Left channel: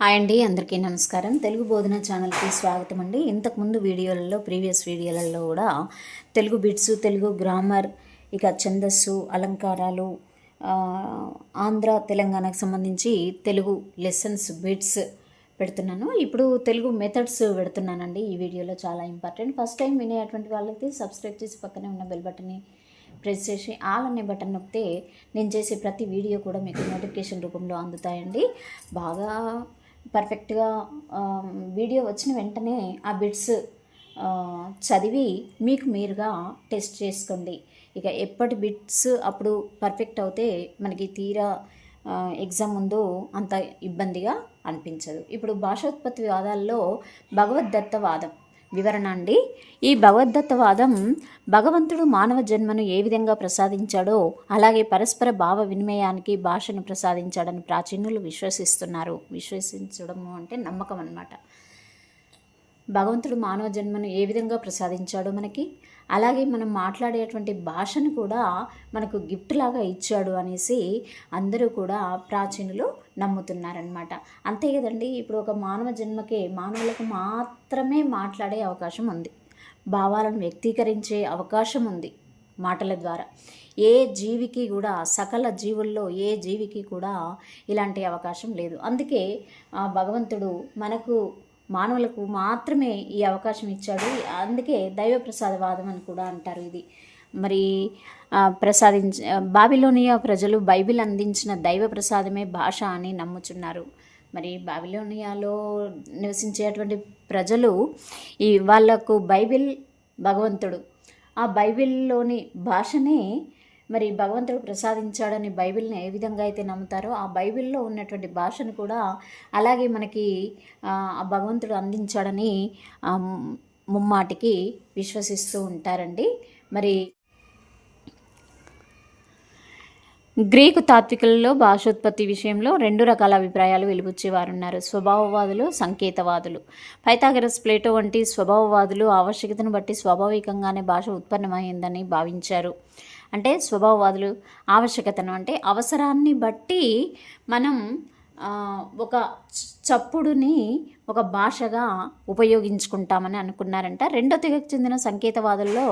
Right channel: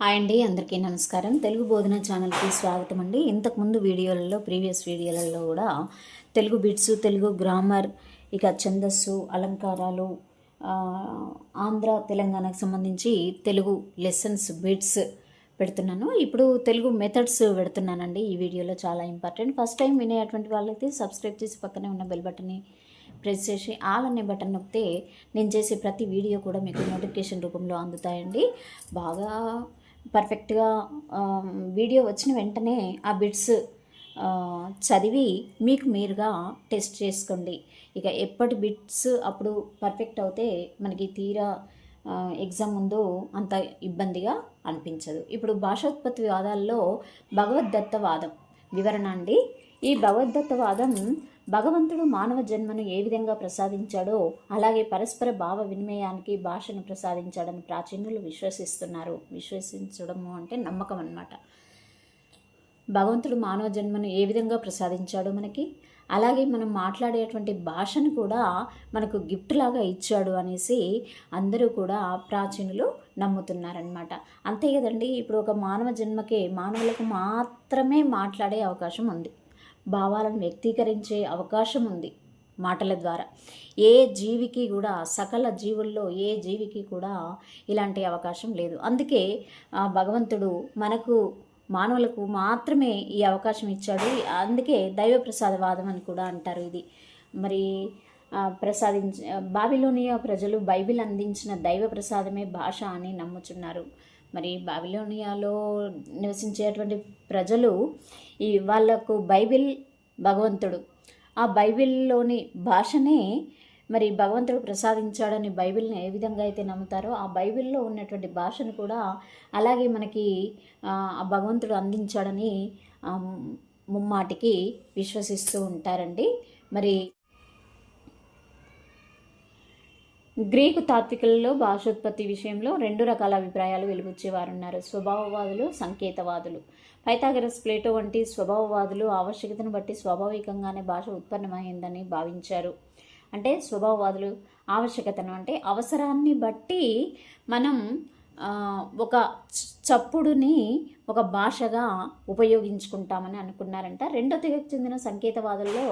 Hi అండి, అందరికీ నమస్కారం. తెలుగు బోధన ఛానల్కి స్వాగతం అండి. ఇంతకుముందు ప్రీవియస్ వీడియోలలో కూడా తెలుగు బిట్స్, తెలుగు గ్రామర్, ఇక ఛందస్సు, అలంకారాలు, ఆంధ్ర తెలంగాణకు సంబంధించి తెలుగు లెసన్స్ బిట్స్ పెడుతున్నాను. ఇప్పుడు తెలుగు మెథడ్స్ పెడుతున్నానండి. ఈ వీడియోలో చాలా ఇంపార్టెంట్. ఫస్ట్ టైం వినేటువంటి వాళ్ళైతే సబ్స్క్రైబ్ చేసి పక్కనే ఉన్న బెల్ బటన్ని ప్రెస్ చేసి ఆల్ అనే బటన్ నొక్కితే నేను చేసే ప్రతి వీడియో కూడా మీకు నోటిఫికేషన్ రూపంలో అందుతాయండి. బాగా పర్ఫెక్ట్గా వీడియో వచ్చిన వెంటనే ఆ బిట్స్ చదివి మీకు మీరుగా టెస్ట్ చేసుకోండి. ఇక ఎప్పటి బిట్స్ అప్పుడు పర్ఫెక్ట్ అవుతే మనకి తీరా ఎగ్జామ్ ముందు అంత ఇబ్బందిగా అనిపించదు. ఇప్పుడు భాషోత్పత్తి వాదాల్లో భగవద్దత్తవాదం వివరణ అండి. ఈ భగవద్దత్తవాదం భగవంతుడు మానవ జన్మను ఏ విధంగా ప్రసాదించాడో అలాగే పరస్పర భావ వినిమయానికి భాషను ప్రసాదించాడని ప్రాచీనులు విశ్వసిస్తున్నారు. విశ్వసించడము అంటే నమ్మకం అన్నమాట. భగవంతుడు మానవ జన్మను ఏ విధంగా ప్రసాదించాడో మనకి, అలాగే మనం మాట్లాడేటువంటి భాషను కూడా మనకు గిఫ్ట్ లాగా ఇచ్చాడు అనేసి అందరూ కూడా ప్రాచీనులు నమ్ముతున్నారనమాట. అంతే కదండి. ఇప్పుడు ఒక మానవ జన్మకే మానవులకు మాత్రమే మాట్లాడే అవకాశం ఉంది, భావాలను వ్యక్తీకరించే అవకాశం ఉంది మాటల ద్వారా. ఏ జీవికి కూడా, సకల జీవుల్లో ఏ జీవికి కూడా ఇలాంటి అవకాశం లేదు. అందుకే భగవంతుడు మనకు మానవులకు మాత్రమే ఈ అవకాశం ఇచ్చాడు. అందుకే దైవ ప్రసాదవాదం అని కూడా అంటారు. ఇది మరి బాబిలోనియా ప్రజలు బైబిల్ అందించిన దైవ ప్రసాదమే భాష అని నమ్ముచున్నారు. మరి బాబిలోనియాలో నివసించేటువంటి ప్రజలు వాళ్ళకు బైబిల్ భగవంతుడు, ఆ బైబిల్లోని భాషనే మరి భగవంతుడు ప్రసాదించాడని బైబిల్ని ఏ విధంగా అయితే నమ్ముతారో ఆ బైబిల్లో ఉన్నటువంటి భాషను కూడా అలాగే మనకి ఆ భగవంతుడు అందించాడని ముమ్మాటికి విశ్వసిస్తూ ఉంటారండి. మరి గ్రీకు తాత్వికులలో భాషోత్పత్తి విషయంలో రెండు రకాల అభిప్రాయాలు వెలుబుచ్చేవారు ఉన్నారు. స్వభావవాదులు, సంకేతవాదులు. పైథాగరస్, ప్లేటో వంటి స్వభావవాదులు ఆవశ్యకతను బట్టి స్వాభావికంగానే భాష ఉత్పన్నమైందని భావించారు. అంటే స్వభావవాదులు ఆవశ్యకతను అంటే అవసరాన్ని బట్టి మనం ఒక చప్పుడుని ఒక భాషగా ఉపయోగించుకుంటామని అనుకున్నారంట. రెండో తెగకు చెందిన సంకేతవాదుల్లో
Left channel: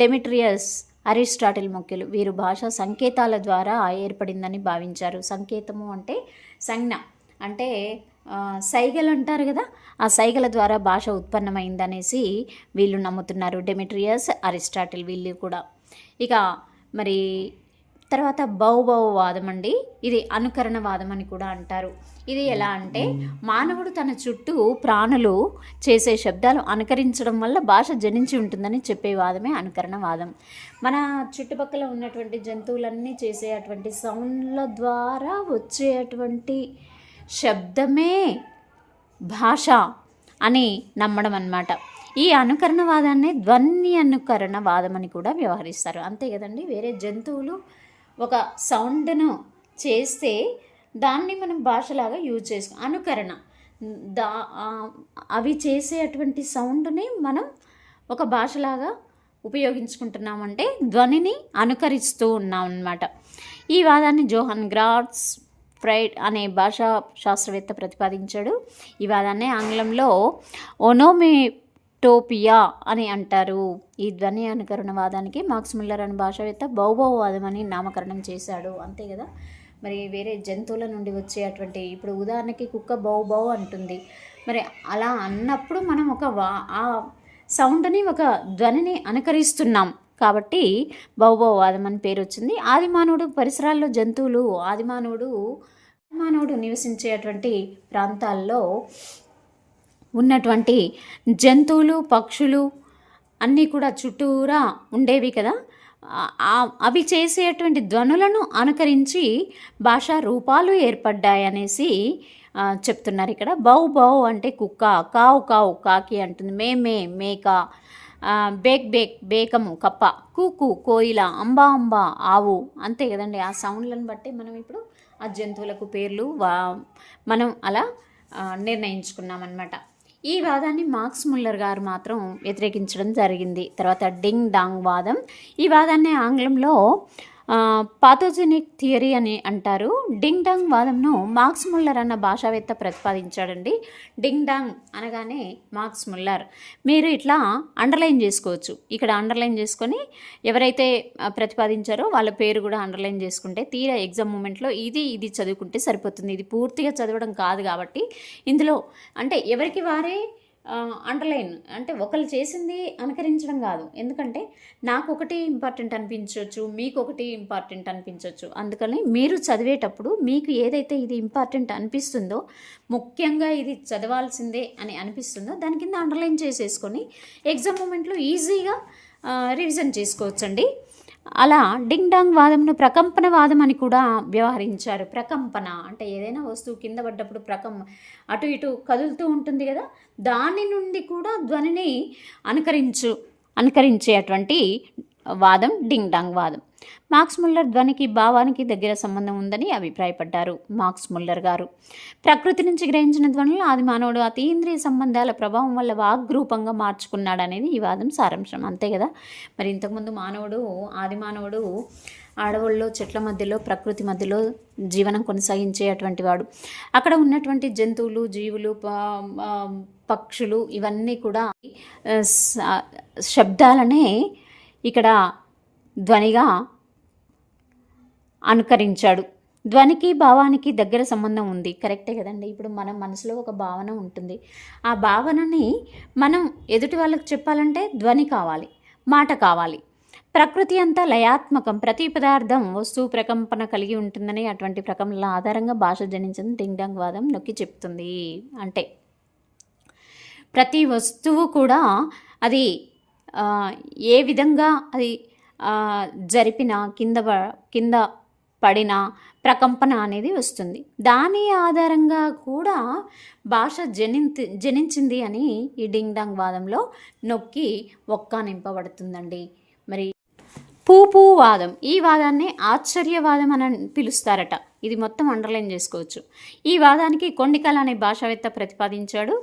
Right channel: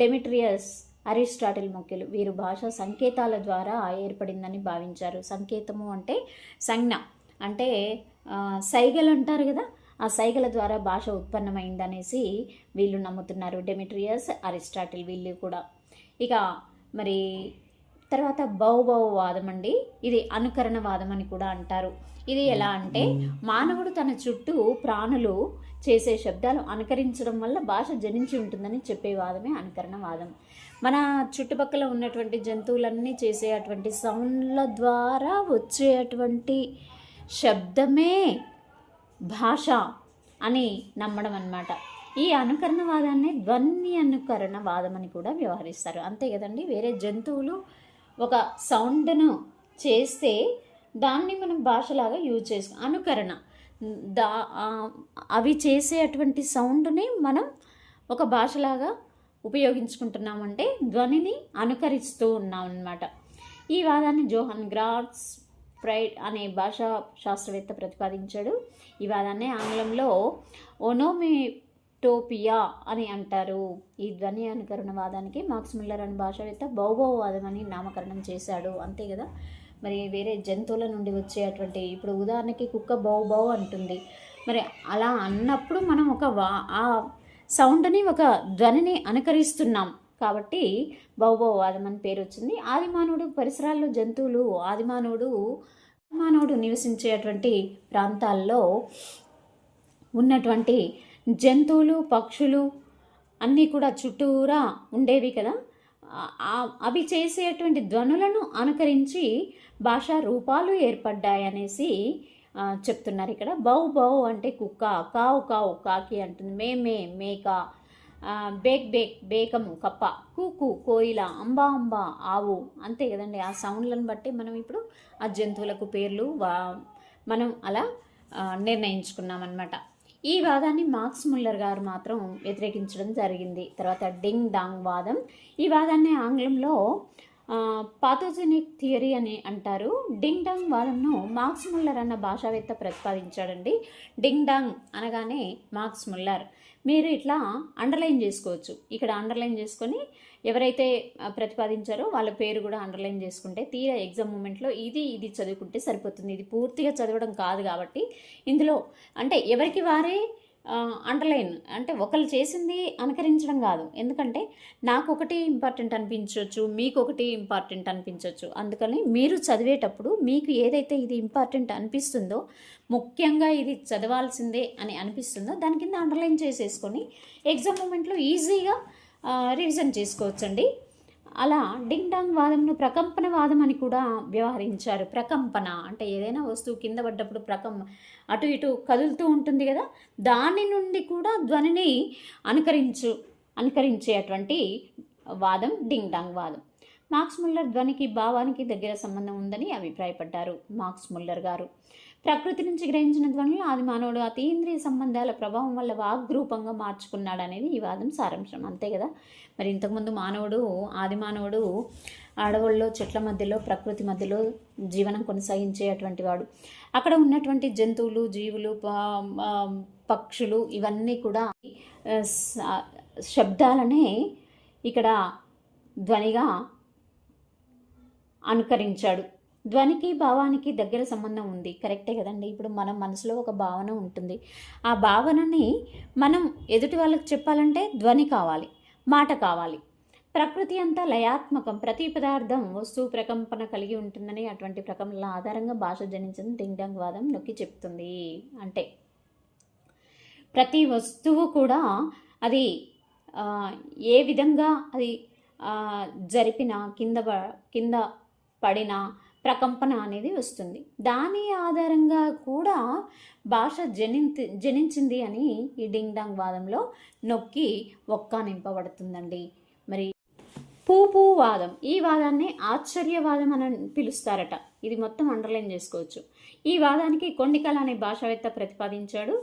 డెమిట్రియస్, అరిస్టాటిల్ ముఖ్యులు. వీరు భాష సంకేతాల ద్వారా ఏర్పడిందని భావించారు. సంకేతము అంటే సంజ్ఞ, అంటే సైగలు అంటారు కదా, ఆ సైగల ద్వారా భాష ఉత్పన్నమైందనేసి వీళ్ళు నమ్ముతున్నారు. డెమిట్రియస్, అరిస్టాటిల్ వీళ్ళు కూడా. ఇక మరి తర్వాత బహుభావవాదం అండి. ఇది అనుకరణవాదం అని కూడా అంటారు. ఇది ఎలా అంటే మానవుడు తన చుట్టూ ప్రాణులు చేసే శబ్దాలు అనుకరించడం వల్ల భాష జనించి ఉంటుందని చెప్పే వాదమే అనుకరణవాదం. మన చుట్టుపక్కల ఉన్నటువంటి జంతువులన్నీ చేసే అటువంటి సౌండ్ల ద్వారా వచ్చేటువంటి శబ్దమే భాష అని నమ్మడం అన్నమాట. ఈ అనుకరణవాదాన్ని ధ్వని అనుకరణవాదం అని కూడా వ్యవహరిస్తారు. అంతే కదండి. వేరే జంతువులు ఒక సౌండ్ను చేస్తే దాన్ని మనం భాషలాగా యూజ్ చేసుకో అనుకరణ, అవి చేసే అటువంటి సౌండ్ని మనం ఒక భాషలాగా ఉపయోగించుకుంటున్నామంటే ధ్వనిని అనుకరిస్తూ ఉన్నాం అన్నమాట. ఈ వాదాన్ని జోహన్ గ్రాట్స్ ఫ్రైడ్ అనే భాషా శాస్త్రవేత్త ప్రతిపాదించాడు. ఈ వాదాన్ని ఆంగ్లంలో ఓనోమేటోపియా అని అంటారు. ఈ ధ్వని అనుకరణవాదానికి మార్క్స్ ముల్లర్ అనే భాషావేత్త బహుభావవాదం అని నామకరణం చేశాడు. అంతే కదా. మరి వేరే జంతువుల నుండి వచ్చేటువంటి, ఇప్పుడు ఉదాహరణకి కుక్క బౌ అంటుంది. మరి అలా అన్నప్పుడు మనం ఆ సౌండ్ని, ఒక ధ్వనిని అనుకరిస్తున్నాం కాబట్టి బహుభావవాదం అని పేరు వచ్చింది. ఆదిమానవుడు పరిసరాల్లో జంతువులు, ఆదిమానవుడు నివసించేటువంటి ప్రాంతాల్లో ఉన్నటువంటి జంతువులు, పక్షులు అన్నీ కూడా చుట్టూరా ఉండేవి కదా. అవి చేసేటువంటి ధ్వనులను అనుకరించి భాషా రూపాలు ఏర్పడ్డాయనేసి చెప్తున్నారు ఇక్కడ. బౌ అంటే కుక్క, కావు కావు కాకి అంటుంది, మే మేక, బేక్ బేకము కప్ప, కూకు కోయిల, అంబా ఆవు. అంతే కదండి. ఆ సౌండ్లను బట్టి మనం ఇప్పుడు ఆ జంతువులకు పేర్లు మనం అలా నిర్ణయించుకున్నామన్నమాట. ఈ వాదాన్ని మార్క్స్ ముల్లర్ గారు మాత్రం వ్యతిరేకించడం జరిగింది. తర్వాత డింగ్ డాంగ్ వాదం. ఈ వాదాన్ని ఆంగ్లంలో పాథోజెనిక్ థియరీ అని అంటారు. డింగ్ డాంగ్ వాదంను మార్క్స్ ముల్లర్ అన్న భాషావేత్త ప్రతిపాదించాడండి. డింగ్ డాంగ్ అనగానే మార్క్స్ ముల్లర్. మీరు ఇట్లా అండర్లైన్ చేసుకోవచ్చు. ఇక్కడ అండర్లైన్ చేసుకొని ఎవరైతే ప్రతిపాదించారో వాళ్ళ పేరు కూడా అండర్లైన్ చేసుకుంటే తీరా ఎగ్జామ్ మూమెంట్లో ఇది చదువుకుంటే సరిపోతుంది. ఇది పూర్తిగా చదవడం కాదు కాబట్టి ఇందులో అంటే ఎవరికి వారే అండర్లైన్ అంటే ఒకళ్ళు చేసింది అనుకరించడం కాదు. ఎందుకంటే నాకు ఒకటి ఇంపార్టెంట్ అనిపించవచ్చు, మీకు ఒకటి ఇంపార్టెంట్ అనిపించవచ్చు. అందుకని మీరు చదివేటప్పుడు మీకు ఏదైతే ఇది ఇంపార్టెంట్ అనిపిస్తుందో, ముఖ్యంగా ఇది చదవాల్సిందే అని అనిపిస్తుందో దాని కింద అండర్లైన్ చేసేసుకొని ఎగ్జామ్ మూమెంట్లో ఈజీగా రివిజన్ చేసుకోవచ్చండి. అలా డింగ్ డాంగ్ వాదంను ప్రకంపన వాదం అని కూడా వ్యవహరించారు. ప్రకంపన అంటే ఏదైనా వస్తువు కింద పడ్డప్పుడు అటు ఇటు కదులుతూ ఉంటుంది కదా, దాని నుండి కూడా ధ్వనిని అనుకరించేటువంటి వాదం డింగ్ డాంగ్ వాదం. మార్క్స్ ముల్లర్ ధ్వనికి భావానికి దగ్గర సంబంధం ఉందని అభిప్రాయపడ్డారు. మార్క్స్ ముల్లర్ గారు ప్రకృతి నుంచి గ్రహించిన ధ్వనులు ఆది మానవుడు అతీంద్రియ సంబంధాల ప్రభావం వల్ల వాగ్రూపంగా మార్చుకున్నాడనేది ఈ వాదం సారాంశం. అంతే కదా, మరి ఇంతకుముందు ఆది మానవుడు అడవుల్లో చెట్ల మధ్యలో ప్రకృతి మధ్యలో జీవనం కొనసాగించే అటువంటి వాడు. అక్కడ ఉన్నటువంటి జంతువులు, జీవులు, పక్షులు ఇవన్నీ కూడా శబ్దాలనే ఇక్కడ ధ్వనిగా అనుకరించాడు. ధ్వనికి భావానికి దగ్గర సంబంధం ఉంది. కరెక్టే కదండి. ఇప్పుడు మన మనసులో ఒక భావన ఉంటుంది. ఆ భావనని మనం ఎదుటి వాళ్ళకి చెప్పాలంటే ధ్వని కావాలి, మాట కావాలి. ప్రకృతి అంతా లయాత్మకం, ప్రతి పదార్థం వస్తువు ప్రకంపన కలిగి ఉంటుందని అటువంటి ప్రకంపనల ఆధారంగా భాష జనించిన డింగ్ డాంగ్ వాదం నొక్కి చెప్తుంది. అంటే ప్రతి వస్తువు కూడా అది ఏ విధంగా అది జరిపినా కింద పడిన ప్రకంపన అనేది వస్తుంది. దాని ఆధారంగా కూడా భాష జనించింది అని ఈ డింగ్ డాంగ్ వాదంలో నొక్కి నింపబడుతుందండి. మరి పూపూ వాదం, ఈ వాదాన్ని ఆశ్చర్యవాదం అని పిలుస్తారట. ఇది మొత్తం అండర్లైన్ చేసుకోవచ్చు. ఈ వాదానికి కొండికల్ అనే భాషావేత్త ప్రతిపాదించాడు.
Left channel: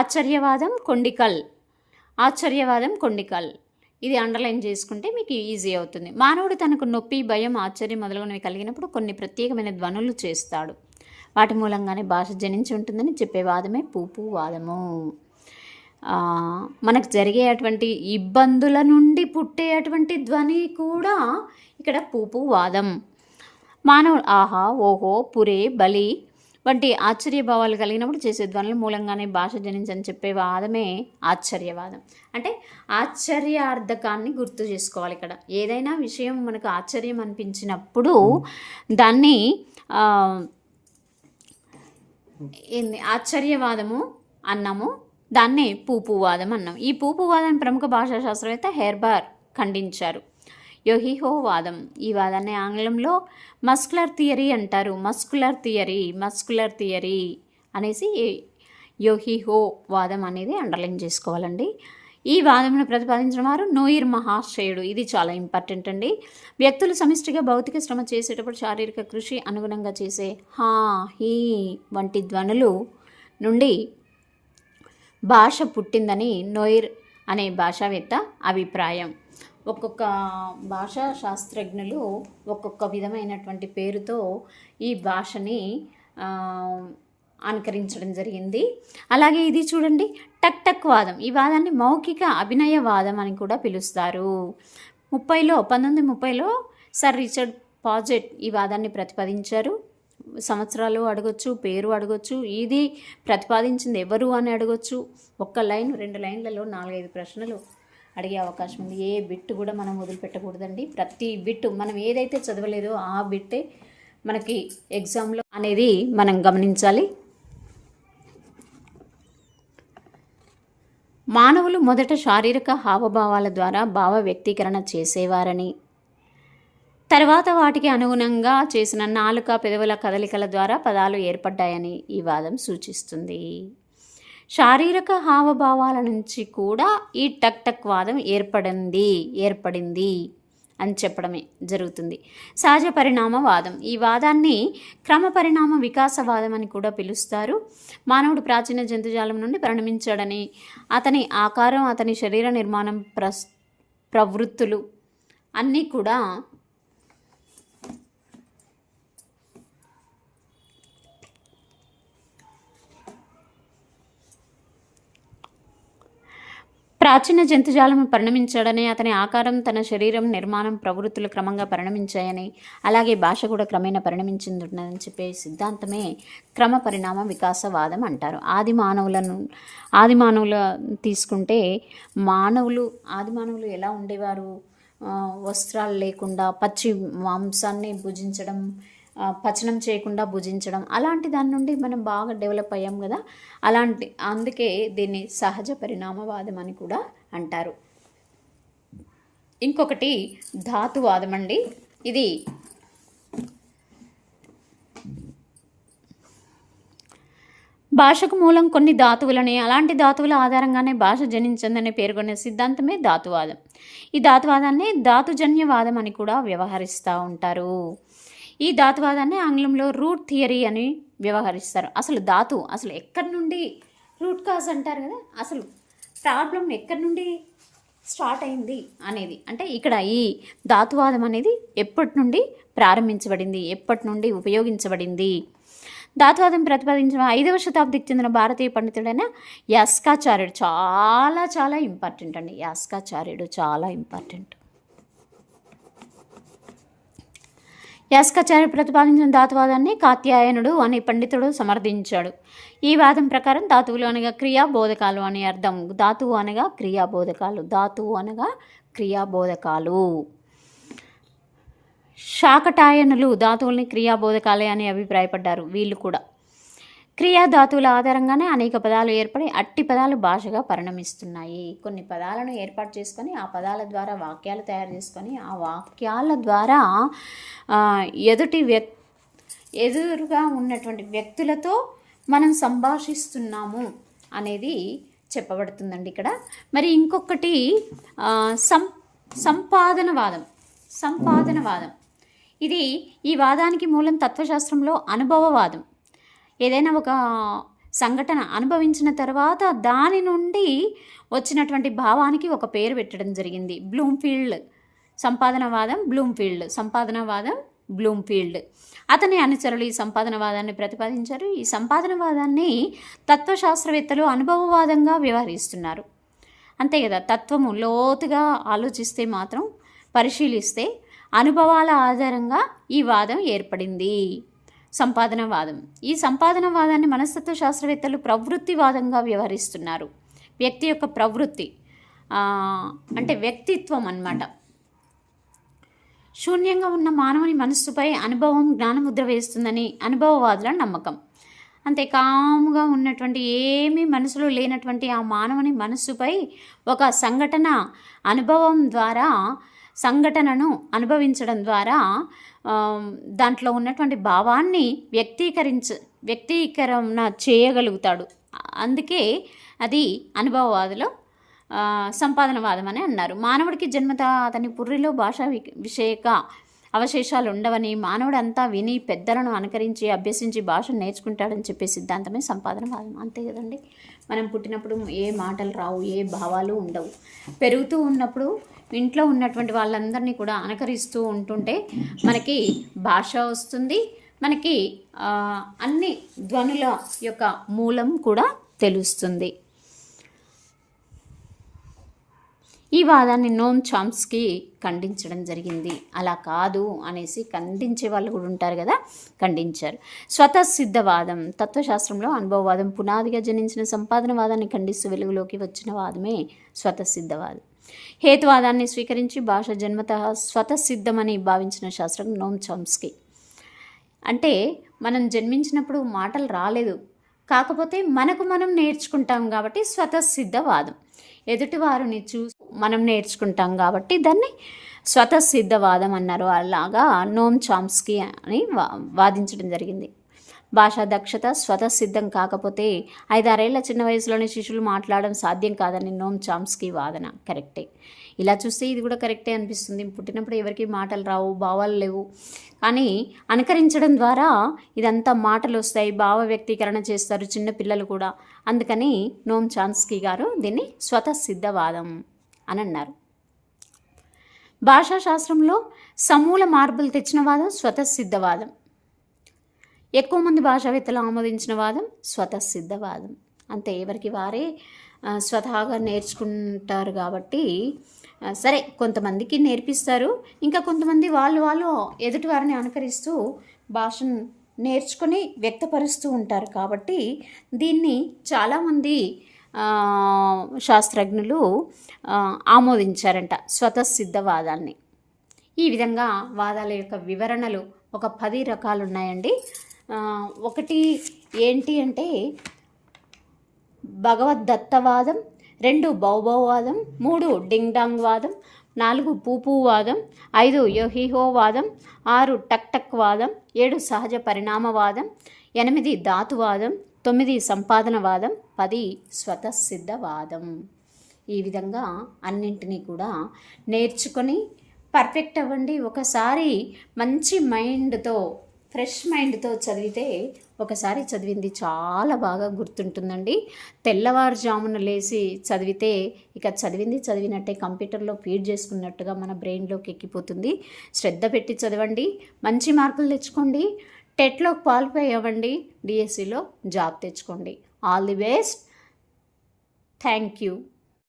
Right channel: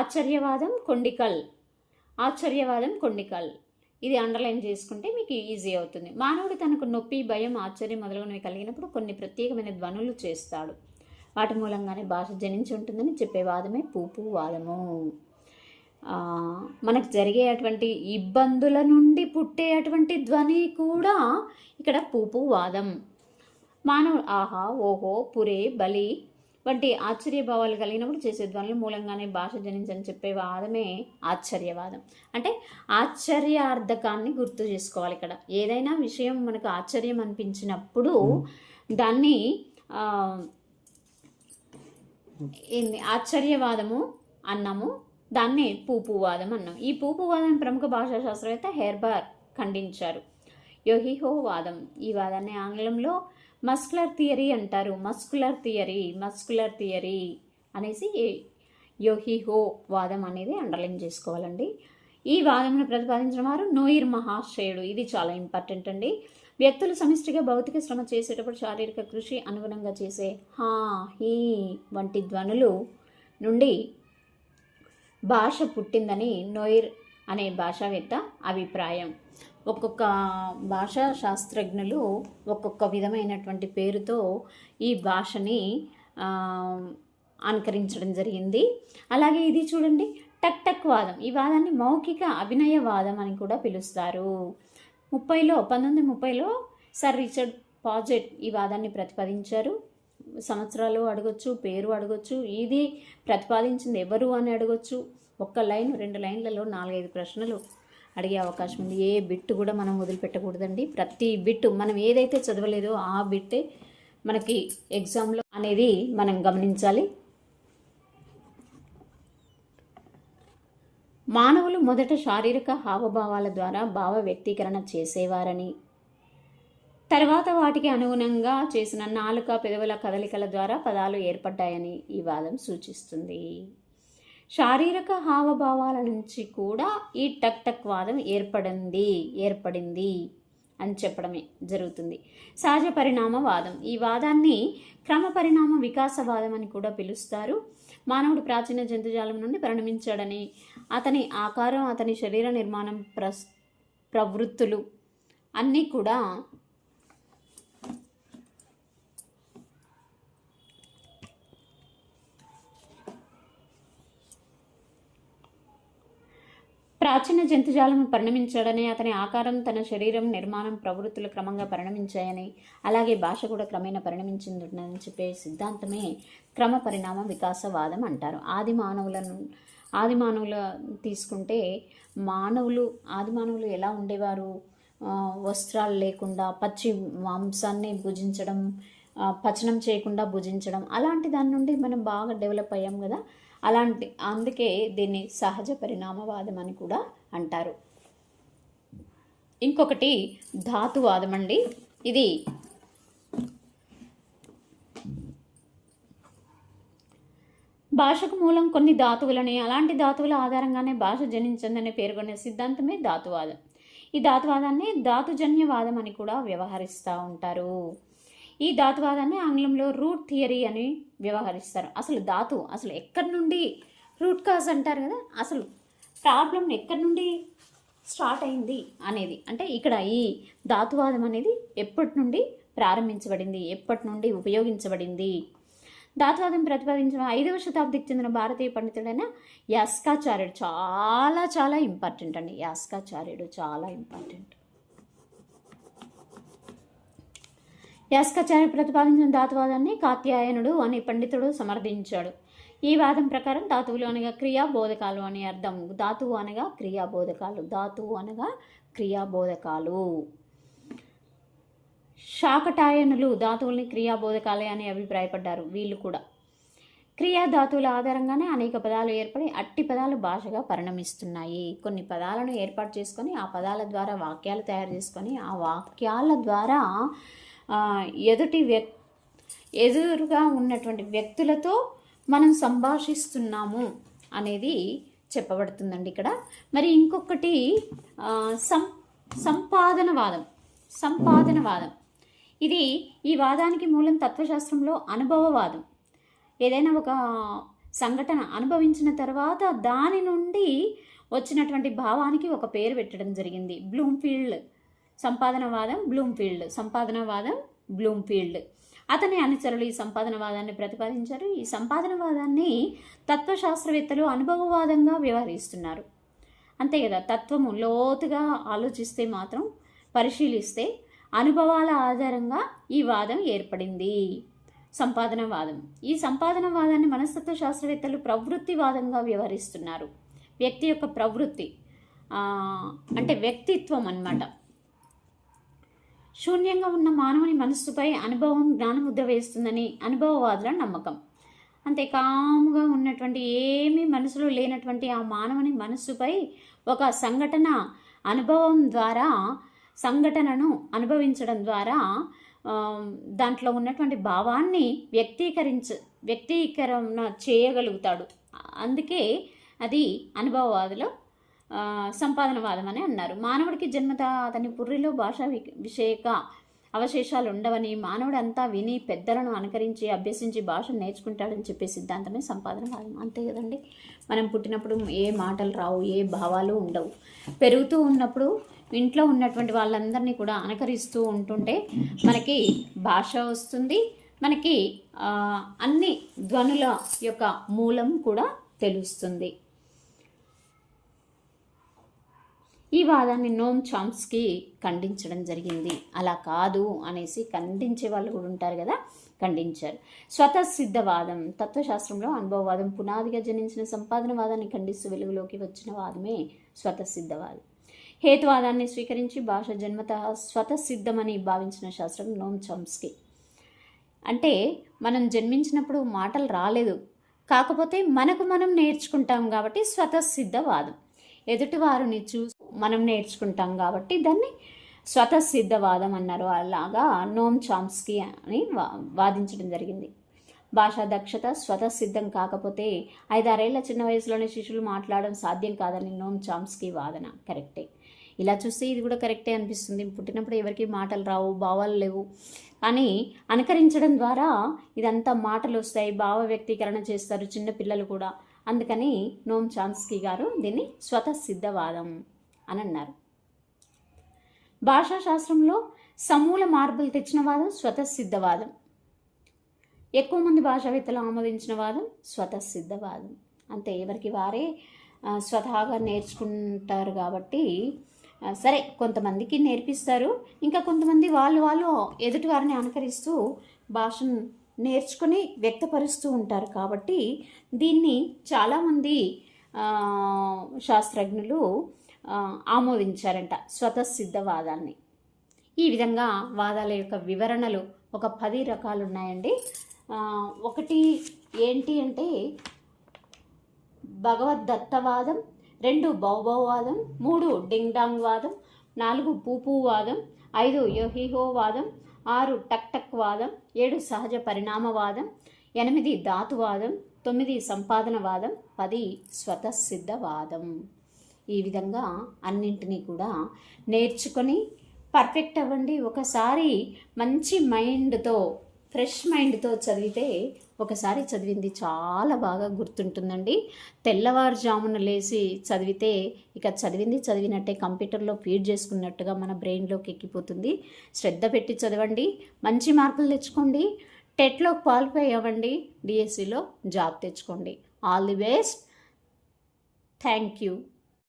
ఆశ్చర్యవాదం కొండికల్ ఇది అండర్లైన్ చేసుకుంటే మీకు ఈజీ అవుతుంది. మానవుడు తనకు నొప్పి, భయం, ఆశ్చర్యం మొదలగునవి కలిగినప్పుడు కొన్ని ప్రత్యేకమైన ధ్వనులు చేస్తాడు. వాటి మూలంగానే భాష జనించి ఉంటుందని చెప్పే వాదమే పూపూ వాదము. మనకు జరిగేటువంటి ఇబ్బందుల నుండి పుట్టేటువంటి ధ్వని కూడా ఇక్కడ పూపూ వాదం. మానవుడు ఆహా, ఓహో, పురే, బలి వంటి ఆశ్చర్యభావాలు కలిగినప్పుడు చేసే ధ్వనుల మూలంగానే భాష జనించని చెప్పే వాదమే ఆశ్చర్యవాదం. అంటే ఆశ్చర్యార్థకాన్ని గుర్తు చేసుకోవాలి. ఇక్కడ ఏదైనా విషయం మనకు ఆశ్చర్యం అనిపించినప్పుడు దాన్ని ఆశ్చర్యవాదము అన్నాము, దాన్నే పూపూవాదం అన్నాం. ఈ పూపూవాదం ప్రముఖ భాషా శాస్త్రవేత్త హెర్బర్ ఖండించారు. యోహిహో వాదం, ఈ వాదాన్ని ఆంగ్లంలో మస్కులర్ థియరీ అంటారు. మస్కులర్ థియరీ అనేసి యోహిహో వాదం అనేది అండర్లైన్ చేసుకోవాలండి. ఈ వాదమును ప్రతిపాదించిన వారు నోయిర్ మహాశయుడు. ఇది చాలా ఇంపార్టెంట్ అండి. వ్యక్తులు సమిష్టిగా భౌతిక శ్రమ చేసేటప్పుడు శారీరక కృషి అనుగుణంగా చేసే హా, హీ వంటి ధ్వనులు నుండి భాష పుట్టిందని నోయిర్ అనే భాషావేత్త అభిప్రాయం. ఒక్కొక్క భాషా శాస్త్రజ్ఞులు ఒక్కొక్క విధమైనటువంటి పేరుతో ఈ భాషని అనుకరించడం జరిగింది. అలాగే ఇది చూడండి, టక్ వాదం. ఈ వాదాన్ని మౌఖిక అభినయ వాదం అని కూడా పిలుస్తారు. 1930లో సర్ రిచర్డ్ పాజెట్ ఈ వాదాన్ని ప్రతిపాదించారు. సంవత్సరాలు అడగొచ్చు, పేరు అడగొచ్చు, ఇది ప్రతిపాదించింది ఎవరు అని అడగొచ్చు. 1 లైన్ 2 లైన్లలో 4-5 ప్రశ్నలు అడిగే అవకాశం ఉంది. ఏ బిట్టు కూడా మనం వదిలిపెట్టకూడదండి. ప్రతి బిట్టు మనం ఏదైతే చదవలేదో ఆ బిట్టే మనకి ఎగ్జామ్లో అనేది మనం గమనించాలి. మానవులు మొదట శారీరక హావభావాల ద్వారా భావ వ్యక్తీకరణ చేసేవారని, తర్వాత వాటికి అనుగుణంగా చేసిన నాలుక, పెదవుల కదలికల ద్వారా పదాలు ఏర్పడ్డాయని ఈ వాదం సూచిస్తుంది. శారీరక హావభావాల నుంచి కూడా ఈ టక్ వాదం ఏర్పడింది అని చెప్పడమే జరుగుతుంది. సహజ పరిణామవాదం, ఈ వాదాన్ని క్రమ పరిణామ వికాసవాదం అని కూడా పిలుస్తారు. మానవుడు ప్రాచీన జంతుజాలం నుండి పరిణమించాడని, అతని ఆకారం, అతని శరీర నిర్మాణం, ప్రవృత్తులు అన్నీ కూడా ప్రాచీన జంతుజాలం పరిణమించాడని, అతని ఆకారం, తన శరీరం, నిర్మాణం, ప్రవృత్తులు క్రమంగా పరిణమించాయని, అలాగే భాష కూడా క్రమేణా పరిణమించిందని చెప్పే సిద్ధాంతమే క్రమ పరిణామ వికాసవాదం అంటారు. ఆది మానవుల తీసుకుంటే ఆది మానవులు ఎలా ఉండేవారు? వస్త్రాలు లేకుండా పచ్చి మాంసాన్ని భుజించడం, పచనం చేయకుండా భుజించడం, అలాంటి దాని నుండి మనం బాగా డెవలప్ అయ్యాం కదా. అందుకే దీన్ని సహజ పరిణామవాదం అని కూడా అంటారు. ఇంకొకటి ధాతువాదం అండి. ఇది భాషకు మూలం కొన్ని ధాతువులని, అలాంటి ధాతువుల ఆధారంగానే భాష జనించిందని పేర్కొనే సిద్ధాంతమే ధాతువాదం. ఈ ధాతువాదాన్ని ధాతుజన్యవాదం అని కూడా వ్యవహరిస్తూ ఉంటారు. ఈ ధాతువాదాన్ని ఆంగ్లంలో రూట్ థియరీ అని వ్యవహరిస్తారు. అసలు ఎక్కడి నుండి రూట్ కాజ్ అంటారు కదా, అసలు ప్రాబ్లం ఎక్కడి నుండి స్టార్ట్ అయింది అనేది, అంటే ఇక్కడ ఈ ధాతువాదం అనేది ఎప్పటి నుండి ప్రారంభించబడింది, ఎప్పటి నుండి ఉపయోగించబడింది. ధాతువాదం ప్రతిపాదించిన 5వ శతాబ్దికి చెందిన భారతీయ పండితుడైన యాస్కాచార్యుడు చాలా చాలా ఇంపార్టెంట్ అండి. యాస్కాచార్యుడు చాలా ఇంపార్టెంట్. యాస్కాచార్యుడు ప్రతిపాదించిన ధాతువాదాన్ని కాత్యాయనుడు అనే పండితుడు సమర్థించాడు. ఈ వాదం ప్రకారం ధాతువులు అనగా క్రియాబోధకాలు అని అర్థం. ధాతువు అనగా క్రియాబోధకాలు. శాకటాయనులు ధాతువుల్ని క్రియాబోధకాలే అని అభిప్రాయపడ్డారు. వీళ్ళు కూడా క్రియాధాతువుల ఆధారంగానే అనేక పదాలు ఏర్పడి అట్టి పదాలు భాషగా పరిణమిస్తున్నాయి. కొన్ని పదాలను ఏర్పాటు చేసుకొని ఆ పదాల ద్వారా వాక్యాలు తయారు చేసుకొని ఆ వాక్యాల ద్వారా ఎదురుగా ఉన్నటువంటి వ్యక్తులతో మనం సంభాషిస్తున్నాము అనేది చెప్పబడుతుందండి ఇక్కడ. మరి ఇంకొకటి సంపాదనవాదం. ఈ వాదానికి మూలం తత్వశాస్త్రంలో అనుభవవాదం. ఏదైనా ఒక సంఘటన అనుభవించిన తర్వాత దాని నుండి వచ్చినటువంటి భావానికి ఒక పేరు పెట్టడం జరిగింది. సంపాదనవాదం బ్లూమ్ఫీల్డ్ అతని అనుచరులు ఈ సంపాదనవాదాన్ని ప్రతిపాదించారు. ఈ సంపాదనవాదాన్ని తత్వశాస్త్రవేత్తలు అనుభవవాదంగా వ్యవహరిస్తున్నారు. అంతే కదా, తత్వము లోతుగా ఆలోచిస్తే మాత్రం, పరిశీలిస్తే అనుభవాల ఆధారంగా ఈ వాదం ఏర్పడింది. సంపాదనవాదం. ఈ సంపాదనవాదాన్ని మనస్తత్వ శాస్త్రవేత్తలు ప్రవృత్తివాదంగా వ్యవహరిస్తున్నారు. వ్యక్తి యొక్క ప్రవృత్తి అంటే వ్యక్తిత్వం అన్నమాట. శూన్యంగా ఉన్న మానవుని మనస్సుపై అనుభవం జ్ఞానముద్ర వేస్తుందని అనుభవవాదుల నమ్మకం. అంతే, కాముగా ఉన్నటువంటి ఏమీ మనసులో లేనటువంటి ఆ మానవుని మనస్సుపై ఒక సంఘటనను అనుభవించడం ద్వారా దాంట్లో ఉన్నటువంటి భావాన్ని వ్యక్తీకరణ చేయగలుగుతాడు. అందుకే అది అనుభవవాదులు సంపాదనవాదం అని అన్నారు. మానవుడికి జన్మత అతని పుర్రిలో భాషా విషయక అవశేషాలు ఉండవని, మానవుడు అంతా విని పెద్దలను అనుకరించి అభ్యసించి భాషను నేర్చుకుంటాడని చెప్పే సిద్ధాంతమే సంపాదనవాదం. అంతే కదండి, మనం పుట్టినప్పుడు ఏ మాటలు రావు, ఏ భావాలు ఉండవు. పెరుగుతూ ఉన్నప్పుడు ఇంట్లో ఉన్నటువంటి వాళ్ళందరినీ కూడా అనుకరిస్తూ ఉంటుంటే మనకి భాష వస్తుంది, మనకి అన్ని ధ్వనుల యొక్క మూలం కూడా తెలుస్తుంది. ఈ వాదాన్ని నోమ్ చామ్స్కీ ఖండించడం జరిగింది. అలా కాదు అనేసి ఖండించే వాళ్ళు కూడా ఉంటారు కదా, ఖండించారు. స్వతసిద్ధవాదం. తత్వశాస్త్రంలో అనుభవవాదం పునాదిగా జనించిన సంపాదనవాదాన్ని ఖండిస్తూ వెలుగులోకి వచ్చిన వాదమే స్వతసిద్ధవాదం. హేతువాదాన్ని స్వీకరించి భాష జన్మతః స్వతసిద్ధమని భావించిన శాస్త్రం నోమ్ చామ్స్కీ. అంటే మనం జన్మించినప్పుడు మాటలు రాలేదు, కాకపోతే మనకు మనం నేర్చుకుంటాం కాబట్టి స్వతసిద్ధవాదం. ఎదుటివారిని చూసి మనం నేర్చుకుంటాం కాబట్టి దాన్ని స్వతసిద్ధవాదం అన్నారు. అలాగా నోమ్ చామ్స్కీ అని వాదించడం జరిగింది. భాషా దక్షత స్వతసిద్ధం కాకపోతే 5-6 ఏళ్ల చిన్న వయసులోనే శిశువులు మాట్లాడడం సాధ్యం కాదని నోమ్ చామ్స్కీ వాదన. కరెక్టే, ఇలా చూస్తే ఇది కూడా కరెక్టే అనిపిస్తుంది. పుట్టినప్పుడు ఎవరికి మాటలు రావు, భావాలు లేవు, కానీ అనుకరించడం ద్వారా ఇదంతా మాటలు వస్తాయి, భావ వ్యక్తీకరణ చేస్తారు చిన్నపిల్లలు కూడా. అందుకని నోమ్ చామ్స్కీ గారు దీన్ని స్వతసిద్ధవాదం అని అన్నారు. భాషాశాస్త్రంలో సమూల మార్పులు తెచ్చిన వాదం స్వతసిద్ధవాదం. ఎక్కువ మంది భాషావేత్తలు ఆమోదించిన వాదం స్వతసిద్ధవాదం. అంతే, ఎవరికి వారే స్వతహాగా నేర్చుకుంటారు కాబట్టి సరే కొంతమందికి నేర్పిస్తారు, ఇంకా కొంతమంది వాళ్ళు ఎదుటి వారిని అనుకరిస్తూ భాషను నేర్చుకొని వ్యక్తపరుస్తూ ఉంటారు. కాబట్టి దీన్ని చాలామంది శాస్త్రజ్ఞులు ఆమోదించారంట స్వతసిద్ధవాదాన్ని. ఈ విధంగా వాదాల యొక్క వివరణలు ఒక 10 రకాలు ఉన్నాయండి. ఒకటి ఏంటి అంటే భగవద్దత్తవాదం, 2 బౌబౌవాదం, 3 డింగ్ డాంగ్ వాదం, 4 పూపూ వాదం, 5 యోహిహో వాదం, 6 టక్ టక్ వాదం, 7 సహజ పరిణామవాదం, 8 ధాతువాదం, 9 సంపాదనవాదం, 10 స్వతసిద్ధవాదం. ఈ విధంగా అన్నింటినీ కూడా నేర్చుకొని పర్ఫెక్ట్ అవ్వండి. ఒకసారి మంచి మైండ్తో, ఫ్రెష్ మైండ్తో చదివితే ఒకసారి చదివింది చాలా బాగా గుర్తుంటుందండి. తెల్లవారుజామున లేచి చదివితే ఇక చదివింది చదివినట్టే, కంప్యూటర్లో ఫీడ్ చేసుకున్నట్టుగా మన బ్రెయిన్లోకి ఎక్కిపోతుంది. శ్రద్ధ పెట్టి చదవండి, మంచి మార్కులు తెచ్చుకోండి, టెట్లో క్వాలిఫై అవ్వండి, డిఎస్సిలో జాబ్ తెచ్చుకోండి. All the best. Thank you.